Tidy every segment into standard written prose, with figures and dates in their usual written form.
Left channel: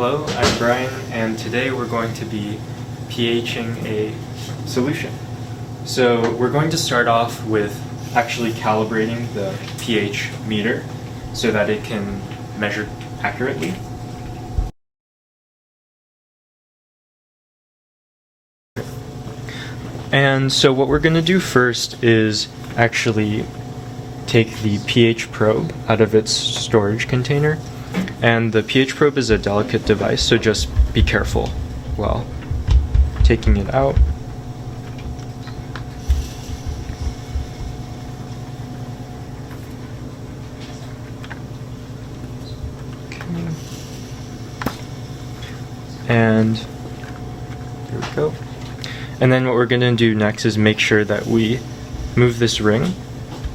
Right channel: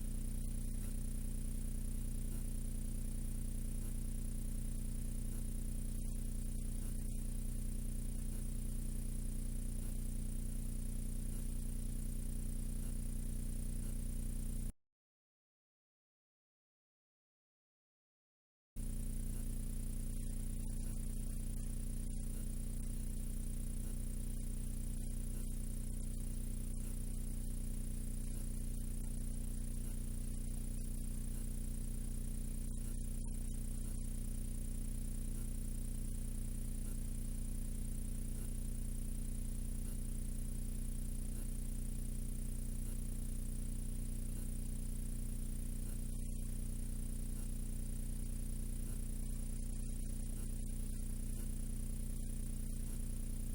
Hello, I'm Brian, and today we're going to be pHing a solution. So we're going to start off with actually calibrating the pH meter so that it can measure accurately. And so what we're going to do first is actually take the pH probe out of its storage container. And the pH probe is a delicate device, so just be careful while taking it out. Okay. And there we go. And then what we're going to do next is make sure that we move this ring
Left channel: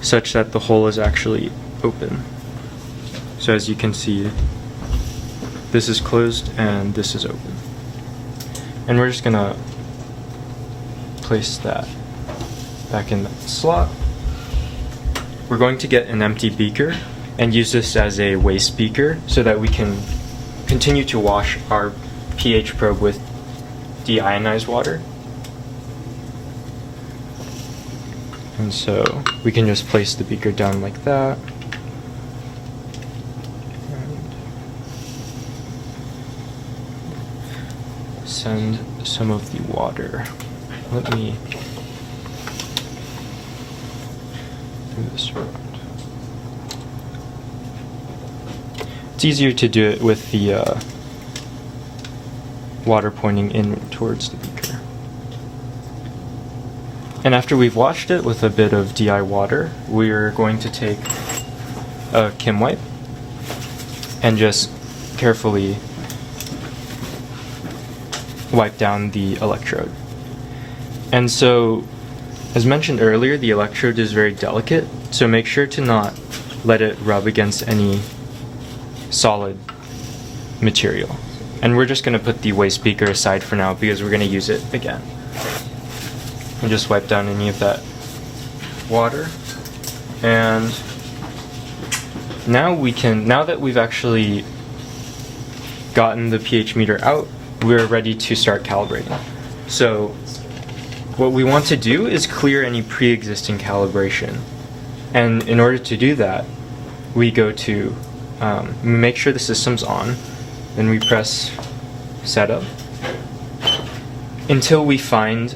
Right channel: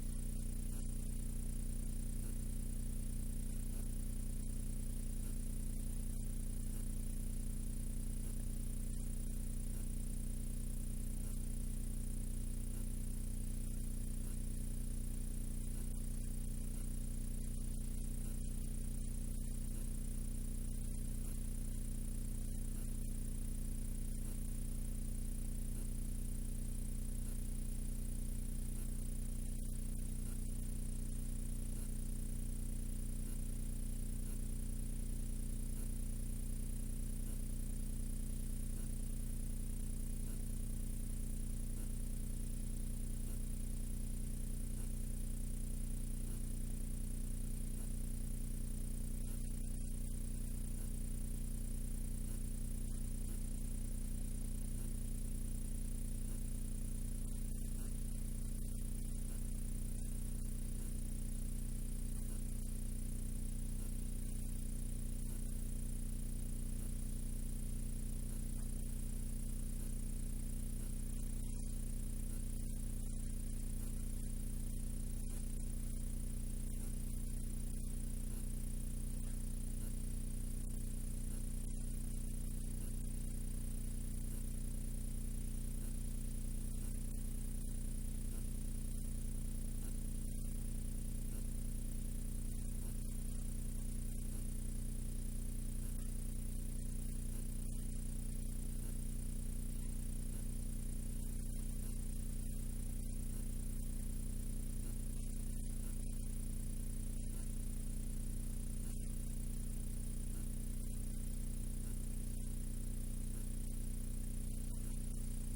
such that the hole is actually open. So as you can see, this is closed and this is open. And we're just going to place that back in that slot. We're going to get an empty beaker and use this as a waste beaker so that we can continue to wash our pH probe with deionized water. And so we can just place the beaker down like that. And send some of the water. Let me do this around. It's easier to do it with the water pointing in towards the beaker. And after we've washed it with a bit of DI water, we're going to take a Kim wipe and just carefully wipe down the electrode. And so, as mentioned earlier, the electrode is very delicate, so make sure to not let it rub against any solid material. And we're just going to put the waste beaker aside for now because we're going to use it again. And just wipe down any of that water. And now that we've actually gotten the pH meter out, we're ready to start calibrating. So what we want to do is clear any pre-existing calibration. And in order to do that, we go to make sure the system's on, then we press setup until we find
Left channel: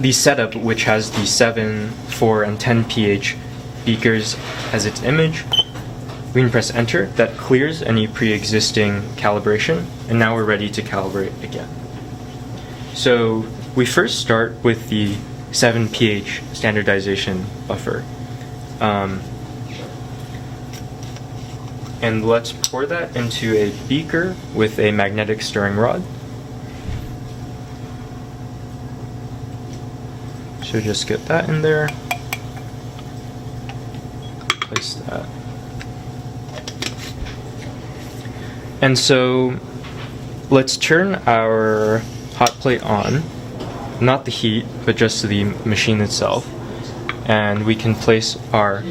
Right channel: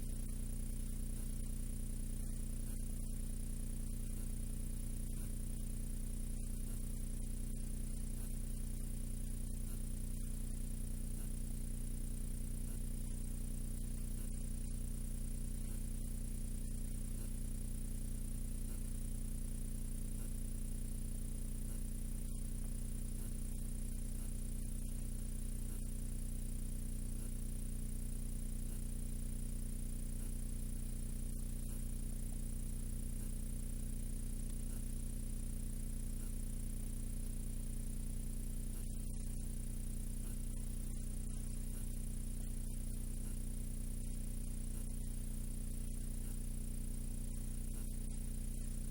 the setup which has the 7, 4, and 10 pH beakers as its image. We can press enter. That clears any pre-existing calibration, and now we're ready to calibrate again. So we first start with the 7 pH standardization buffer. And let's pour that into a beaker with a magnetic stirring rod. So just get that in there, place that. And so let's turn our hot plate on, not the heat, but just the machine itself. And we can place our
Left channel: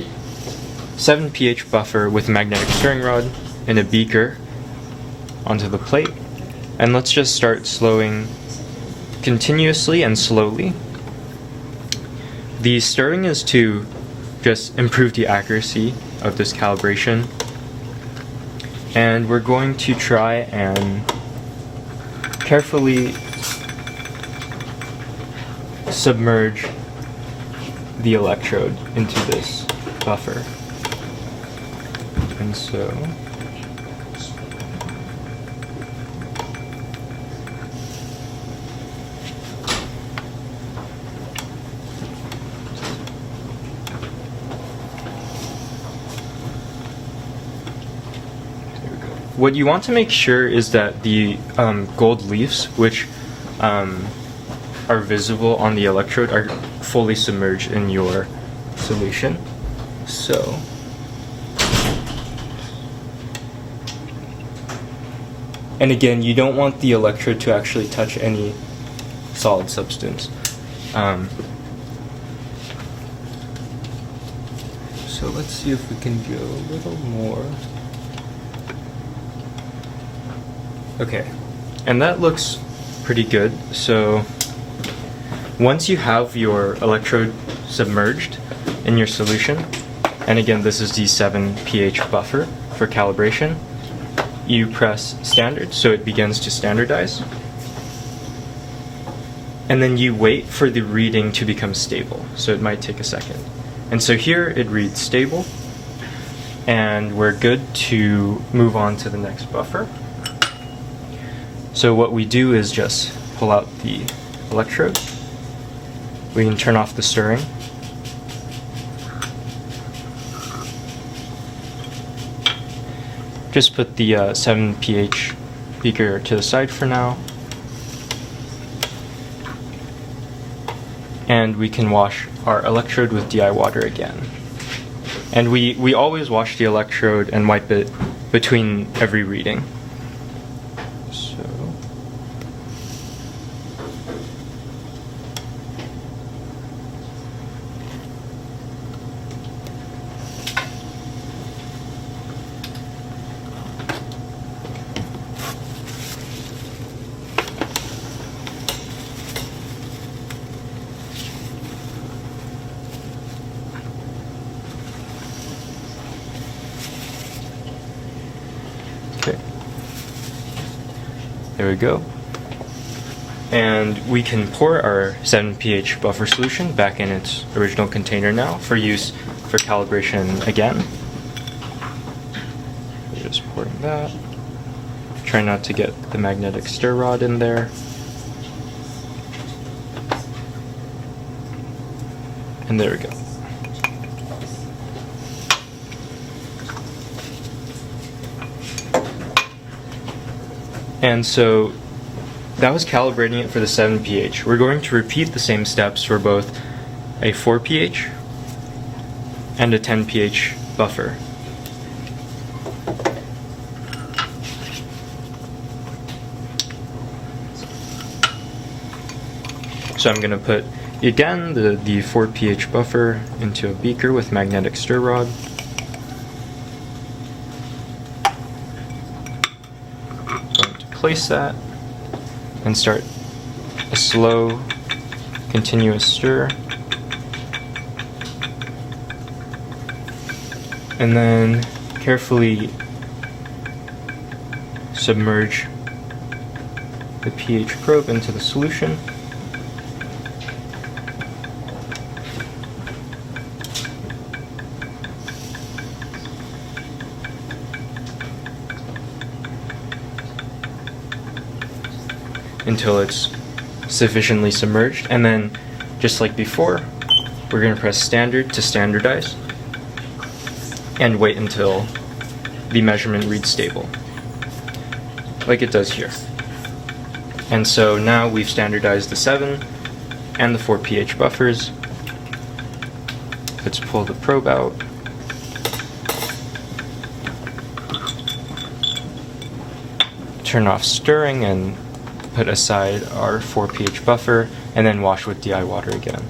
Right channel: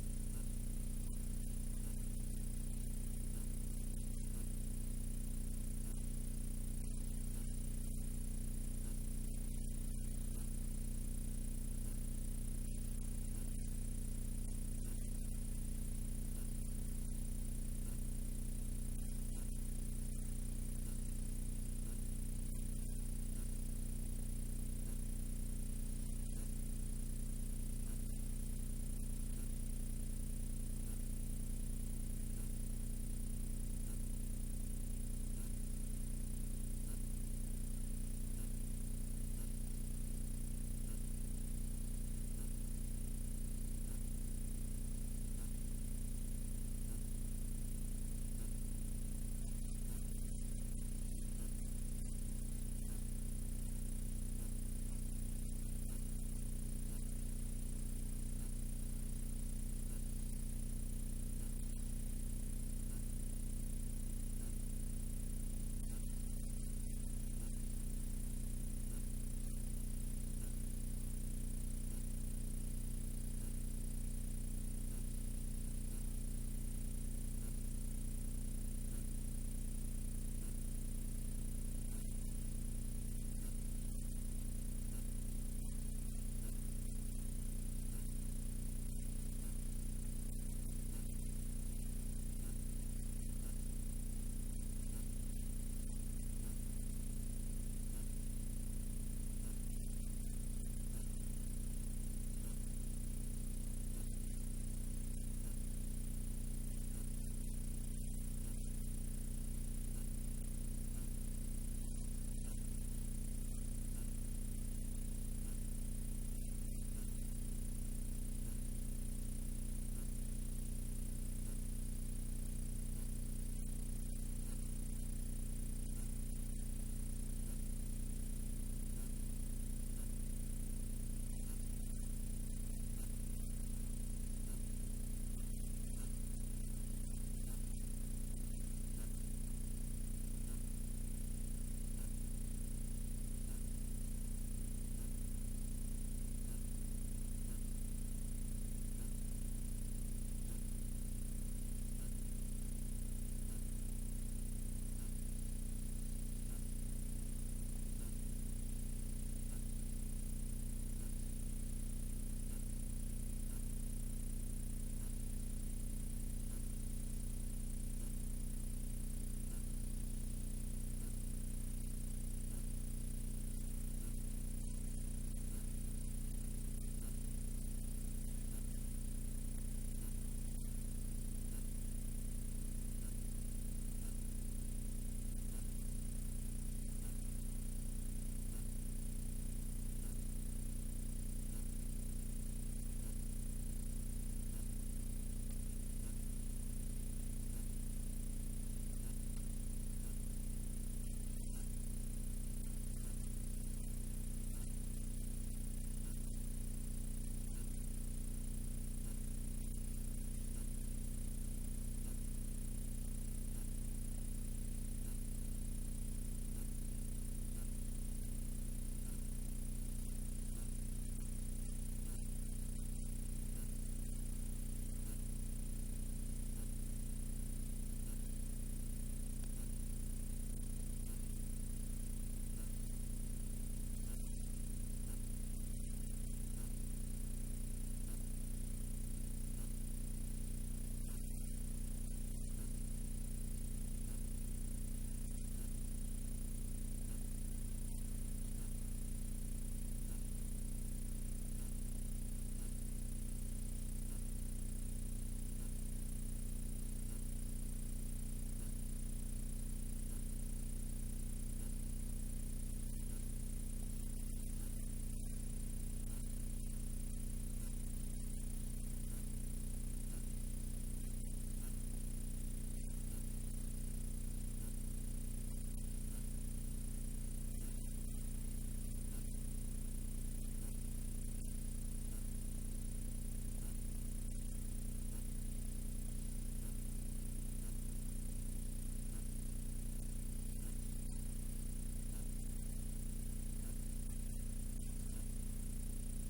7 pH buffer with magnetic stirring rod in a beaker onto the plate. And let's just start slowing continuously and slowly. The stirring is to just improve the accuracy of this calibration. And we're going to try and carefully submerge the electrode into this buffer. And so what you want to make sure is that the gold leaves, which are visible on the electrode, are fully submerged in your solution. So and again, you don't want the electrode to actually touch any solid substance. So let's see if we can go a little more. Okay, and that looks pretty good. So once you have your electrode submerged in your solution, and again this is the 7 pH buffer for calibration, you press standard so it begins to standardize, and then you wait for the reading to become stable, so it might take a second. And so here it reads stable, and we're good to move on to the next buffer. So what we do is just pull out the electrode. We can turn off the stirring. Just put the 7 pH beaker to the side for now. And we can wash our electrode with DI water again. And we always wash the electrode and wipe it between every reading. So okay. There we go. And we can pour our 7 pH buffer solution back in its original container now for use for calibration again. Just pouring that. Try not to get the magnetic stir rod in there. And there we go. And so that was calibrating it for the 7 pH. We're going to repeat the same steps for both a 4 pH and a 10 pH buffer. So I'm going to put, again, the 4 pH buffer into a beaker with magnetic stir rod. Place that and start a slow, continuous stir. And then carefully submerge the pH probe into the solution. Until it's sufficiently submerged, and then just like before, we're going to press standard to standardize and wait until the measurement reads stable, like it does here. And so now we've standardized the 7 and the 4 pH buffers. Let's pull the probe out. Turn off stirring and put aside our 4 pH buffer, and then wash with DI water again.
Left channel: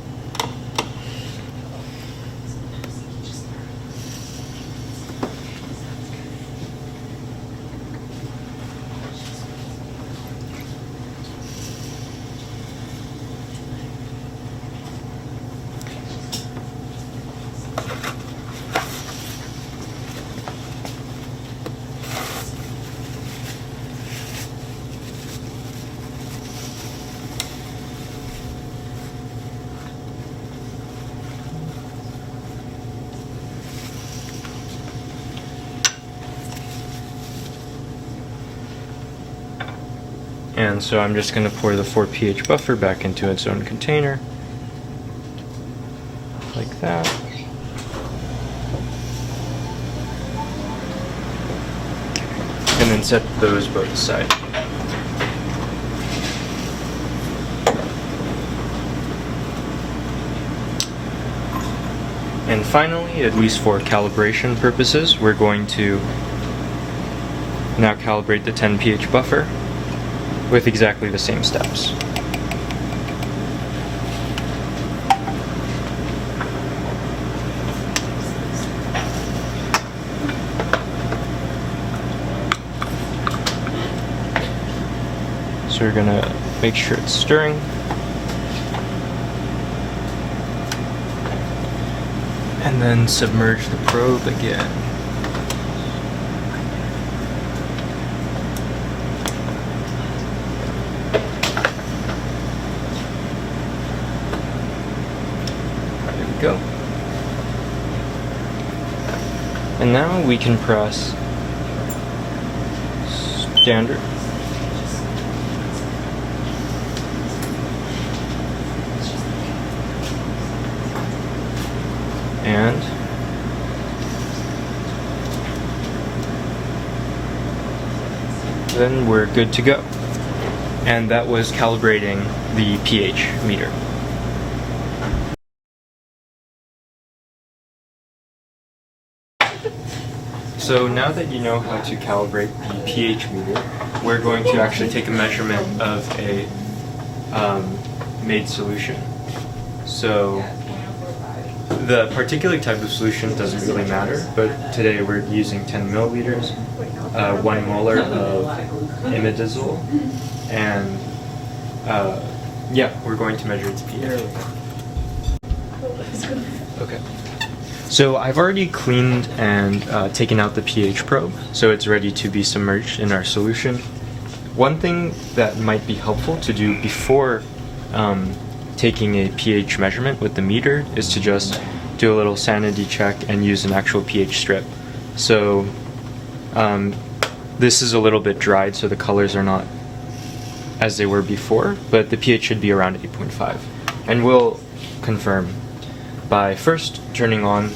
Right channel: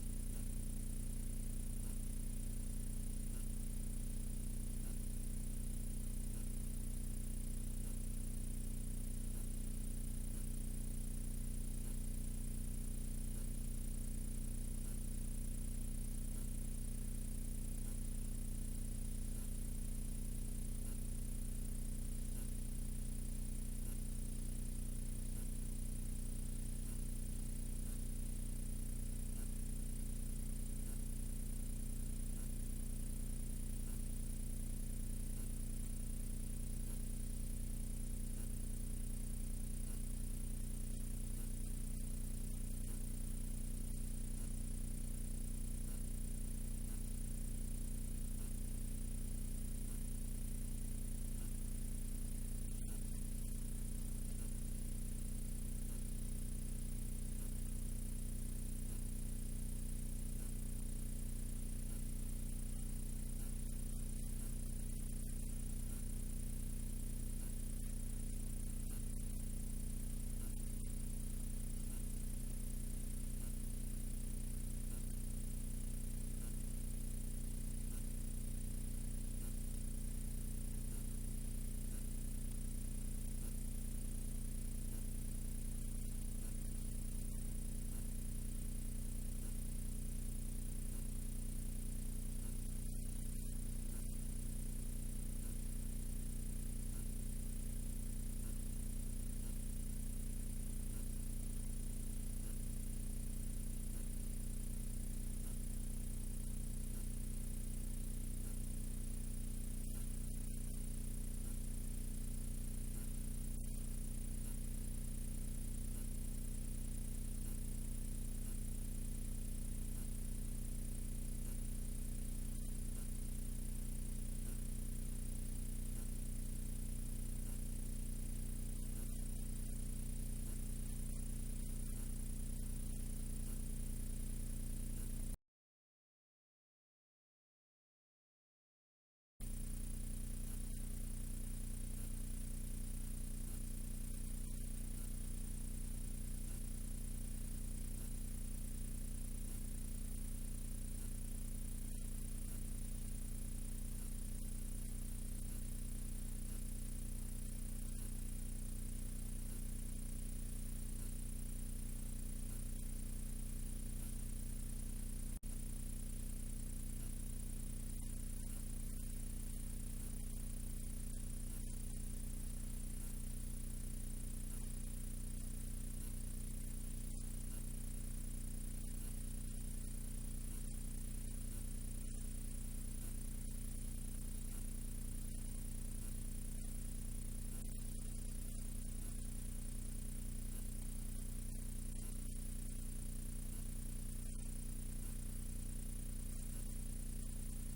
And so I'm just going to pour the 4 pH buffer back into its own container, like that. And then set those both aside. And finally, at least for calibration purposes, we're going to now calibrate the 10 pH buffer with exactly the same steps. So we're gonna make sure it's stirring. And then submerge the probe again. There we go. And now we can press standard. And then we're good to go. And that was calibrating the pH meter. So now that you know how to calibrate the pH meter, we're going to actually take a measurement of a made solution. So the particular type of solution doesn't really matter, but today we're using 10 milliliters, 1 molar of imidazole, and yeah, we're going to measure its pH. Okay. So I've already cleaned and taken out the pH probe, so it's ready to be submerged in our solution. One thing that might be helpful to do before taking a pH measurement with the meter is to just do a little sanity check and use an actual pH strip. So this is a little bit dried, so the colors are not as they were before, but the pH should be around 8.5. And we'll confirm by first turning on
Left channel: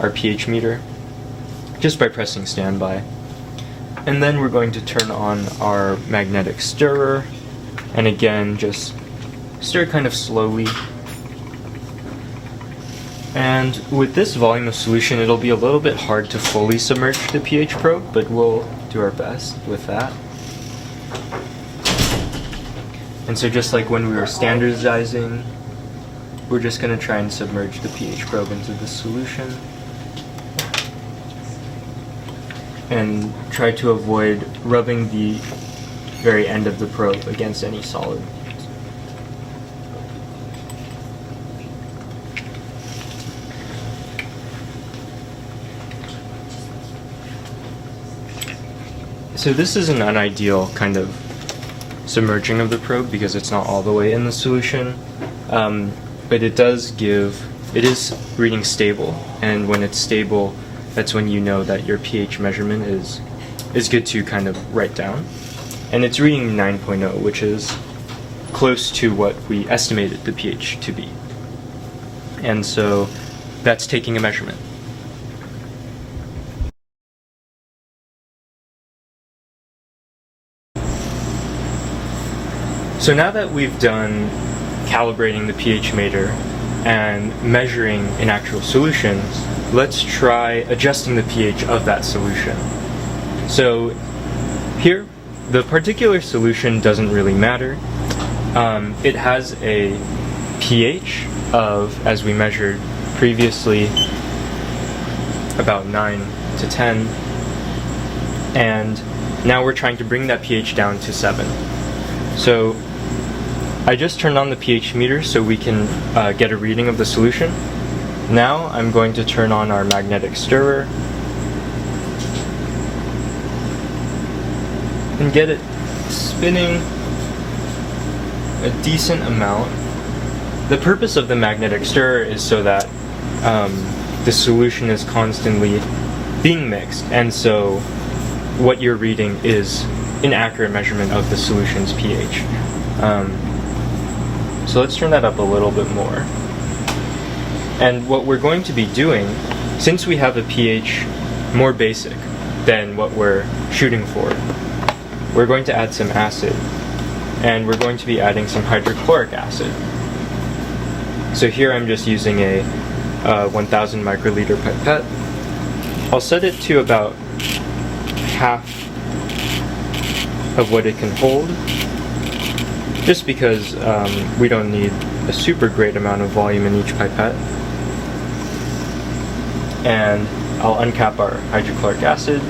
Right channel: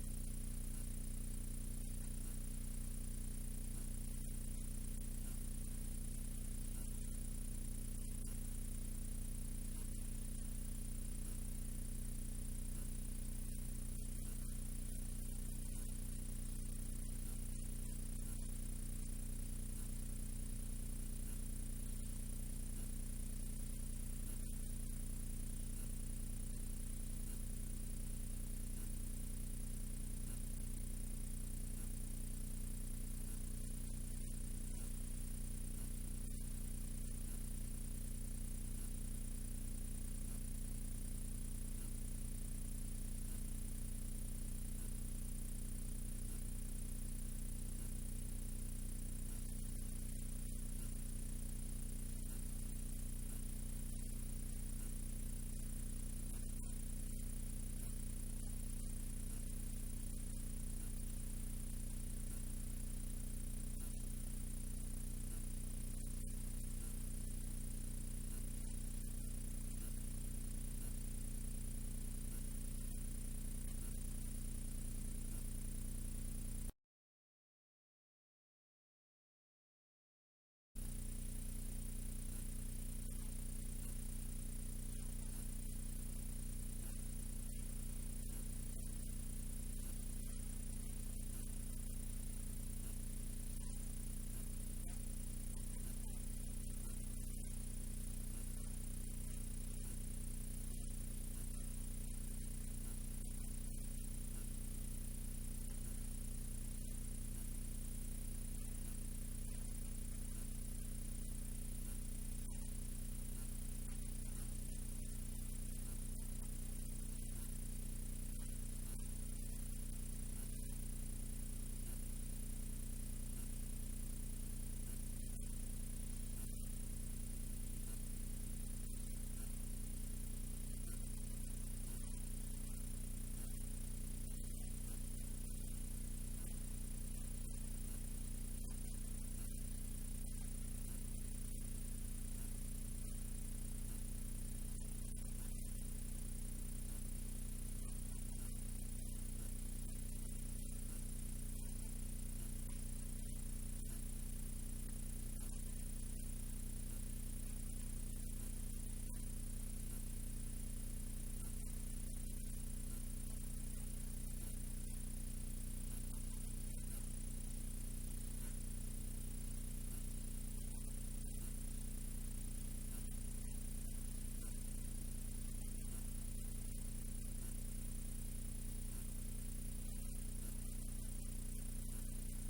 our pH meter, just by pressing standby. And then we're going to turn on our magnetic stirrer, and again, just stir kind of slowly. And with this volume of solution, it'll be a little bit hard to fully submerge the pH probe, but we'll do our best with that. And so just like when we were standardizing, we're just going to try and submerge the pH probe into the solution and try to avoid rubbing the very end of the probe against any solid. So this is an unideal kind of submerging of the probe because it's not all the way in the solution. But it is reading stable, and when it's stable, that's when you know that your pH measurement is good to kind of write down. And it's reading 9.0, which is close to what we estimated the pH to be. And so that's taking a measurement. So now that we've done calibrating the pH meter and measuring in actual solutions, let's try adjusting the pH of that solution. So here, the particular solution doesn't really matter. It has a pH of, as we measured previously, about 9 to 10, and now we're trying to bring that pH down to 7. So I just turned on the pH meter so we can get a reading of the solution. Now I'm going to turn on our magnetic stirrer and get it spinning a decent amount. The purpose of the magnetic stirrer is so that the solution is constantly being mixed, and so what you're reading is an accurate measurement of the solution's pH. So let's turn that up a little bit more. And what we're going to be doing, since we have a pH more basic than what we're shooting for, we're going to add some acid. And we're going to be adding some hydrochloric acid. So here I'm just using a 1000 microliter pipette. I'll set it to about half of what it can hold, just because we don't need a super great amount of volume in each pipette. And I'll uncap our hydrochloric acid.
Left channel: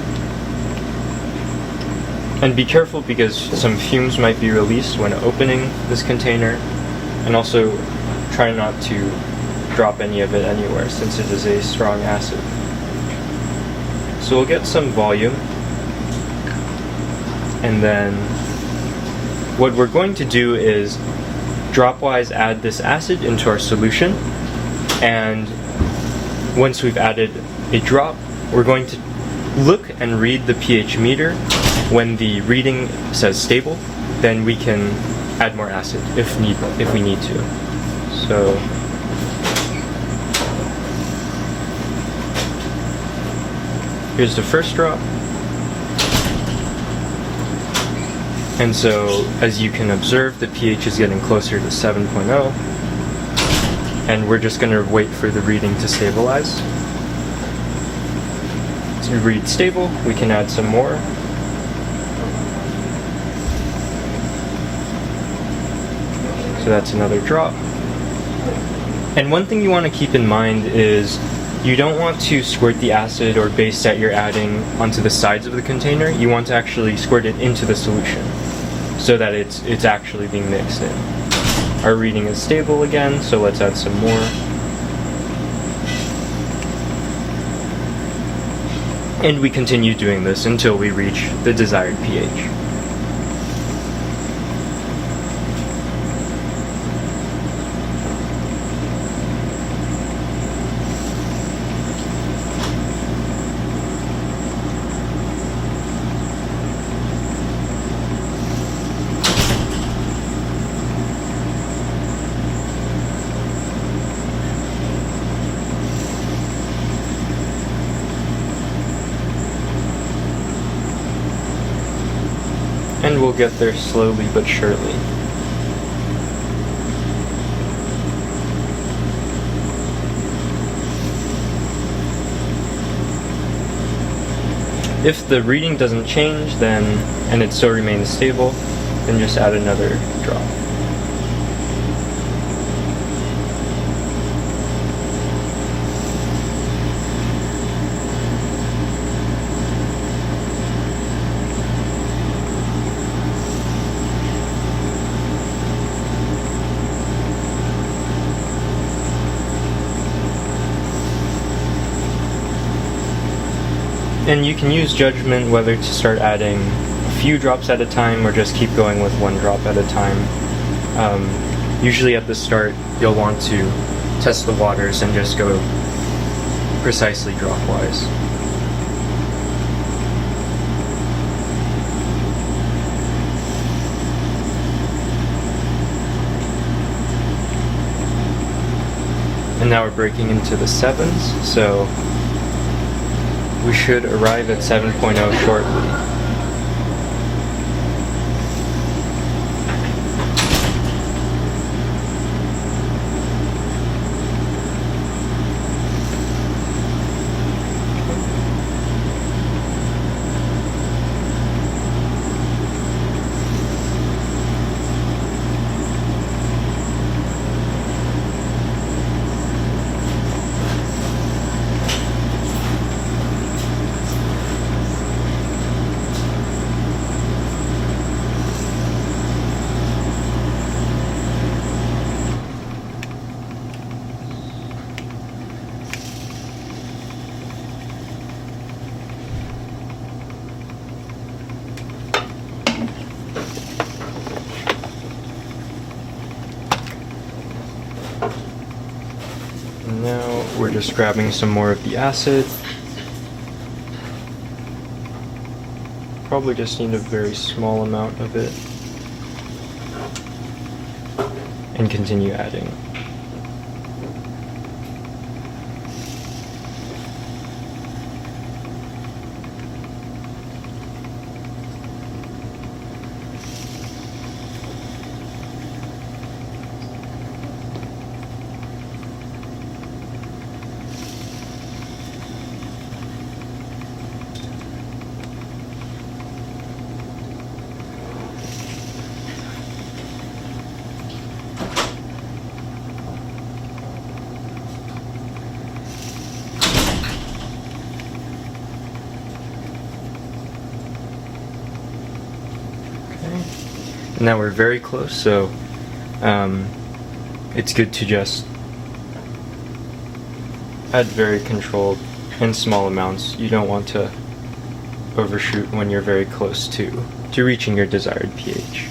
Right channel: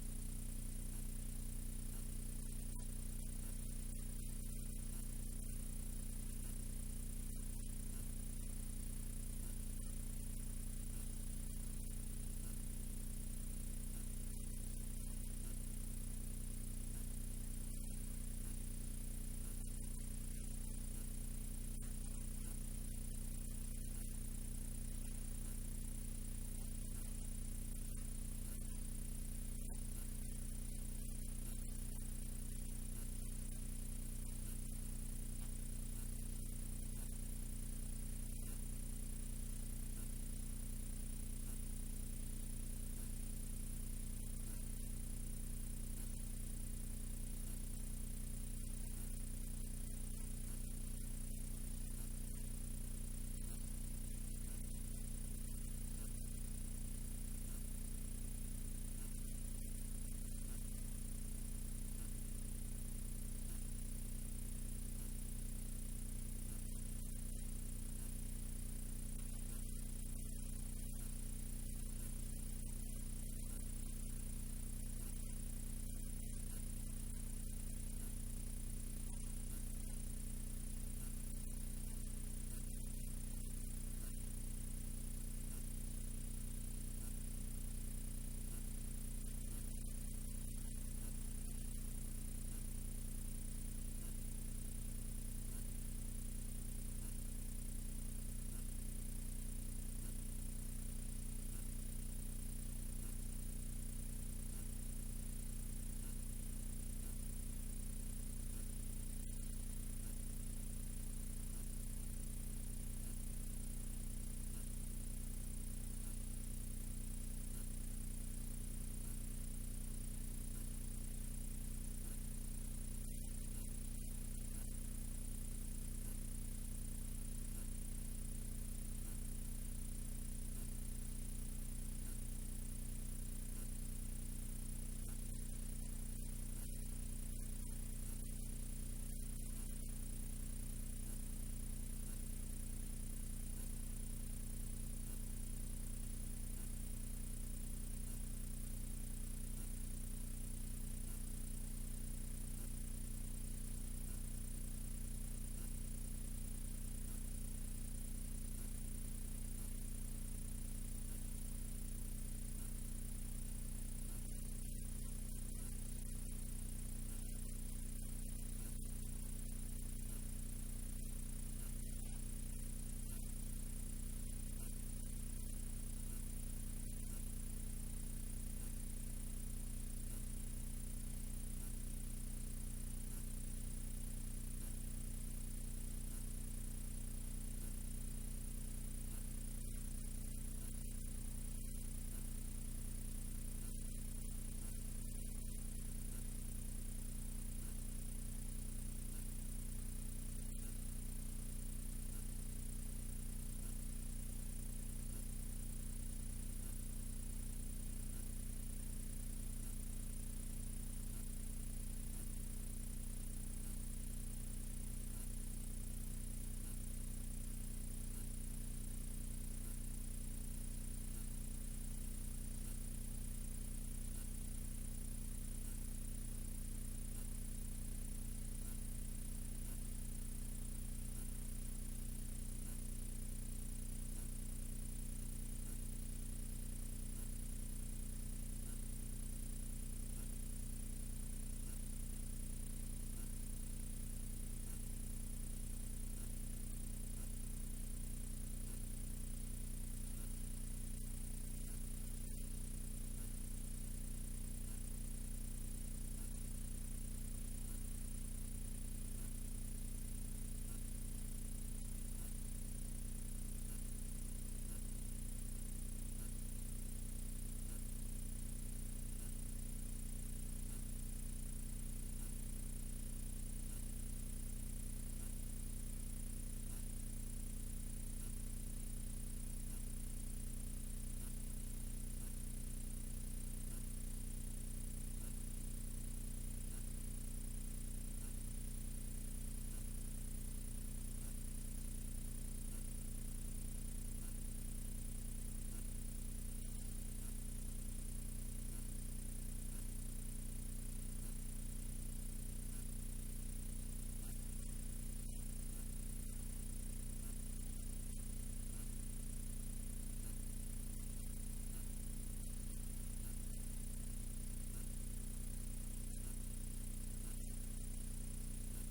And be careful because some fumes might be released when opening this container, and also try not to drop any of it anywhere since it is a strong acid. So we'll get some volume, and then what we're going to do is dropwise add this acid into our solution, and once we've added a drop, we're going to look and read the pH meter. When the reading says stable, then we can add more acid if we need to. So here's the first drop. And so, as you can observe, the pH is getting closer to 7.0. And we're just going to wait for the reading to stabilize. To read stable, we can add some more. So that's another drop. And one thing you want to keep in mind is you don't want to squirt the acid or base that you're adding onto the sides of the container. You want to actually squirt it into the solution so that it's actually being mixed in. Our reading is stable again, so let's add some more. And we continue doing this until we reach the desired pH. And we'll get there slowly but surely. If the reading doesn't change, and it still remains stable, then just add another drop. And you can use judgment whether to start adding a few drops at a time or just keep going with one drop at a time. Usually at the start, you'll want to test the waters and just go precisely dropwise. And now we're breaking into the sevens, so we should arrive at 7.0 shortly. Now we're just grabbing some more of the acid. Probably just need a very small amount of it. And continue adding. Now we're very close, so it's good to just add very controlled and small amounts. You don't want to overshoot when you're very close to reaching your desired pH.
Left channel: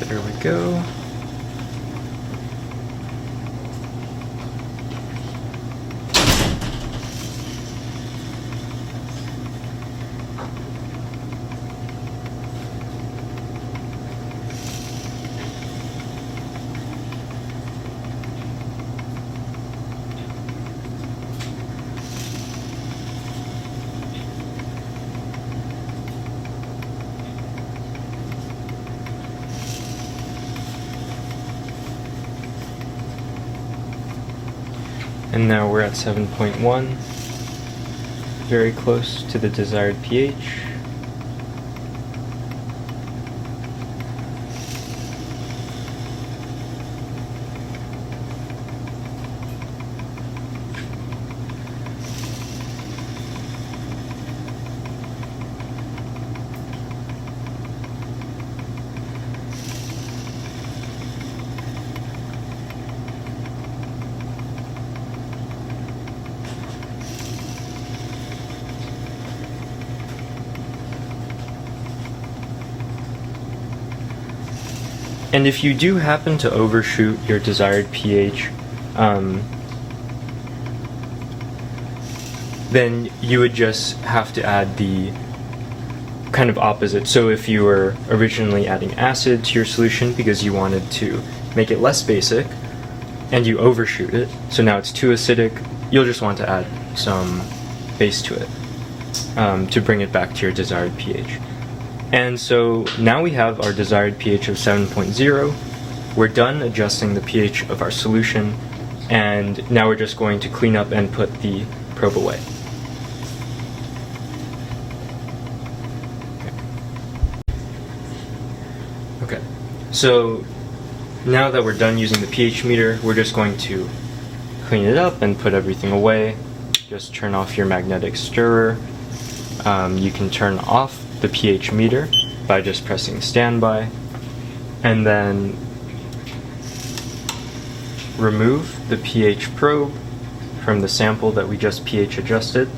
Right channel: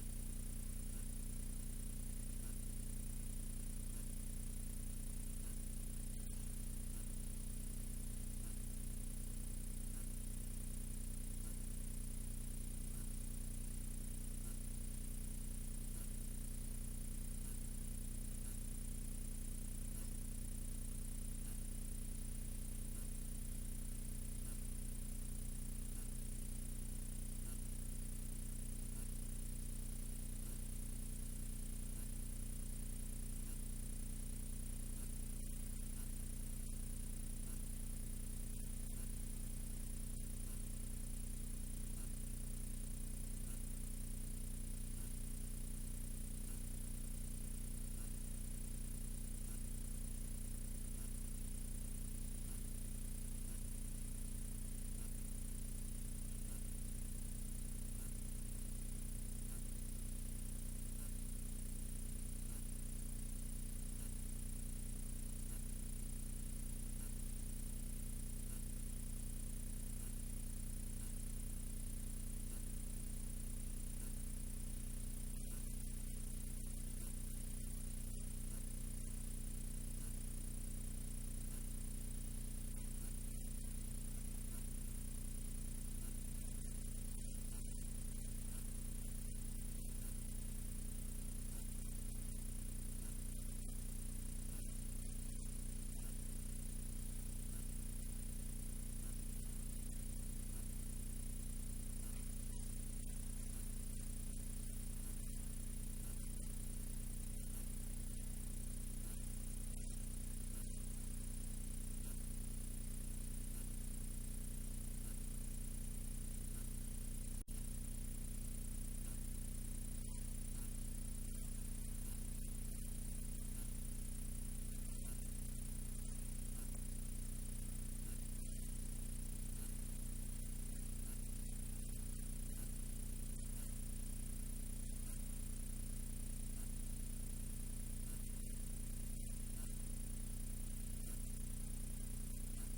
There we go. And now we're at 7.1, very close to the desired pH. And if you do happen to overshoot your desired pH, then you would just have to add the kind of opposite. So if you were originally adding acid to your solution because you wanted to make it less basic, and you overshoot it, so now it's too acidic, you'll just want to add some base to it to bring it back to your desired pH. And so now we have our desired pH of 7.0. We're done adjusting the pH of our solution, and now we're just going to clean up and put the probe away. Okay, so now that we're done using the pH meter, we're just going to clean it up and put everything away. Just turn off your magnetic stirrer. You can turn off the pH meter by just pressing standby, and then remove the pH probe from the sample that we just pH adjusted,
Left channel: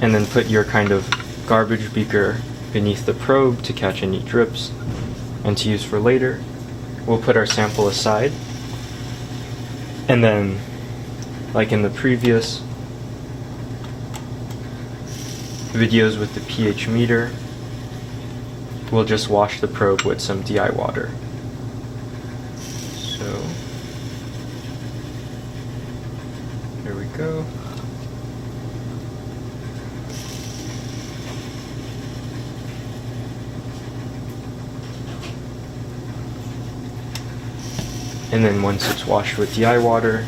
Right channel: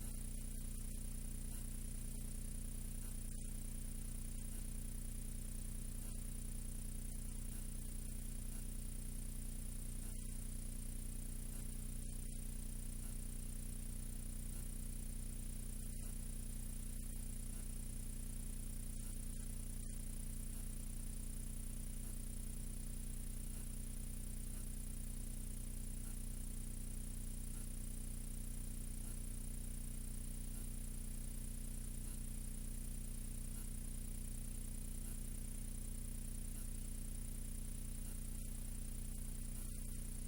and then put your kind of garbage beaker beneath the probe to catch any drips and to use for later. We'll put our sample aside, and then, like in the previous videos with the pH meter, we'll just wash the probe with some DI water. So, here we go. And then once it's washed with DI water,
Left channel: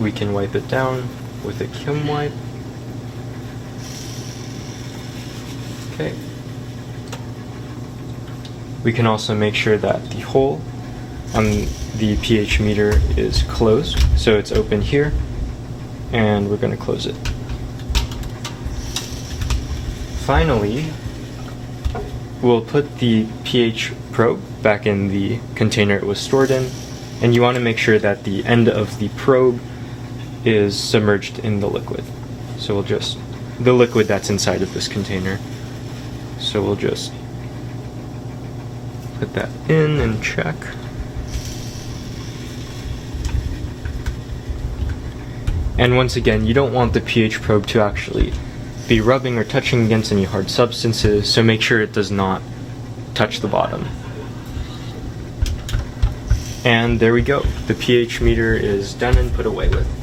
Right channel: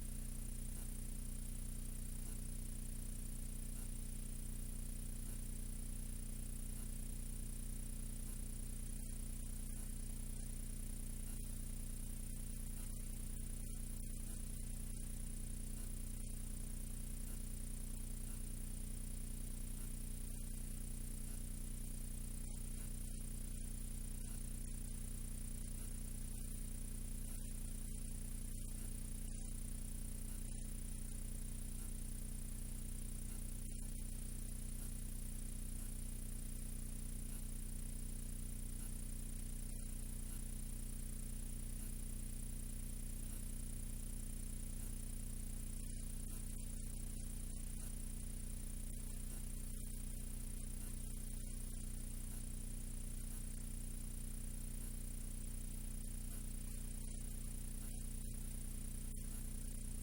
we can wipe it down with a Kim wipe. Okay. We can also make sure that the hole on the pH meter is closed, so it's open here, and we're going to close it. Finally, we'll put the pH probe back in the container it was stored in, and you want to make sure that the end of the probe is submerged in the liquid. So we'll just, the liquid that's inside of this container. So we'll just put that in and check. And once again, you don't want the pH probe to actually be rubbing or touching against any hard substances, so make sure it does not touch the bottom. And there we go. The pH meter is done and put away with.